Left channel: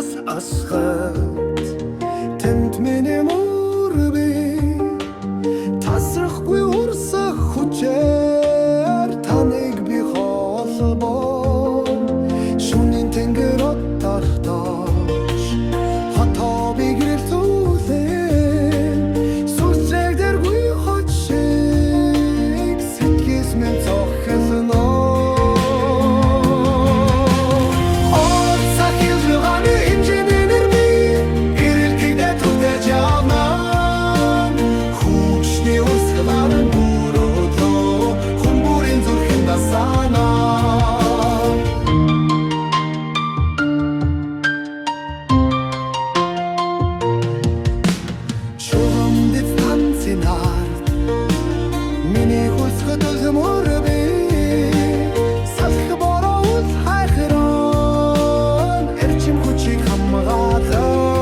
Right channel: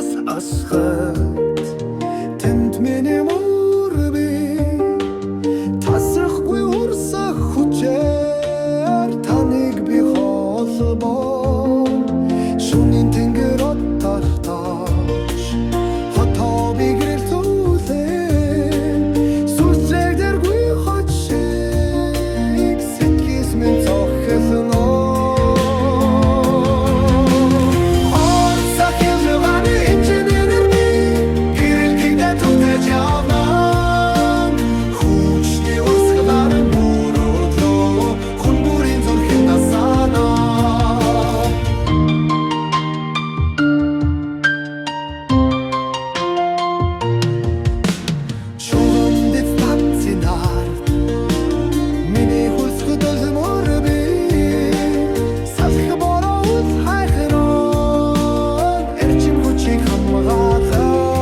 Jas asgat Тэнд миний мөрби Тасрахгүй урсах хүчээр Таныг би холбон Шүнийн тэнгэр оттартаж Хотоо би гэрэлтүүлэн Сүлжээгдэргүй хочиг Сэтгэс минь цохилно Явнан хүчний урсгалаар мөрөөдлөө хүн бүрийн зүрхэнд дасанаа Шугамдит станцинаар миний хүсгэдэл мөрөби салх бороо хайхран эрчим хүчийг хамгаалаа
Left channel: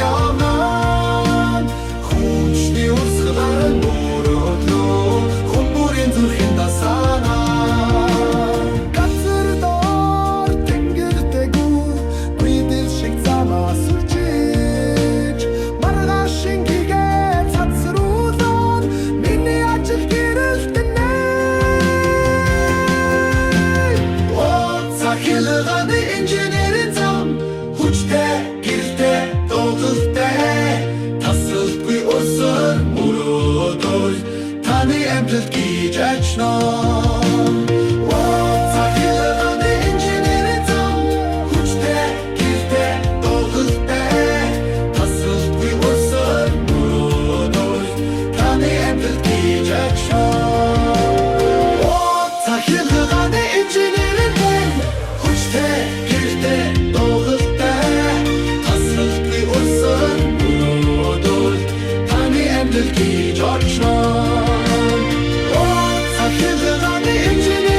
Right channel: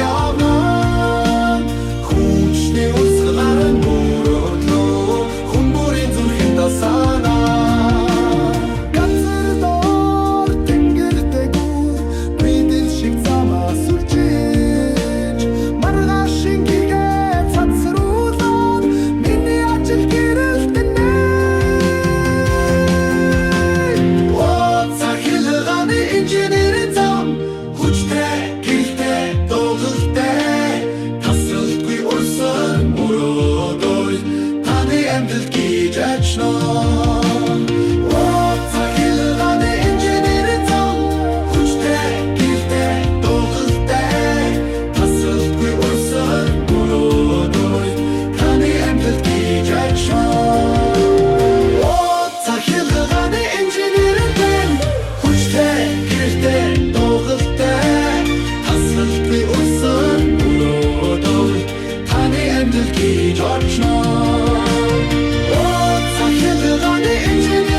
Явнан хүчний урсгалаар мөрөөдлөө хүн бүрийн зүрхэнд дасанаа Газар доор тэнгэр дээгүүр бидэл шиг замаа сүлжиж маргаашин гигээ цацруулан миний ажил гэрэлтэнэ Цахилгааны инженерийн зам хүчтэй гэрэлтэй Тасралтгүй урсаар мөрөөдөл Таны амжилт гэж ачно Цахилгааны инженерийн зам хүчтэй гэрэлтэй дуулалтай Тасралтгүй урсаар мөрөөдөл Таны амжилт гэж ачно Цахилгааны инженерийн зам хүчтэй гэрэлтэй дуулалтай Тасралтгүй урсаар амжилт гэж очно Цахилгааны инженер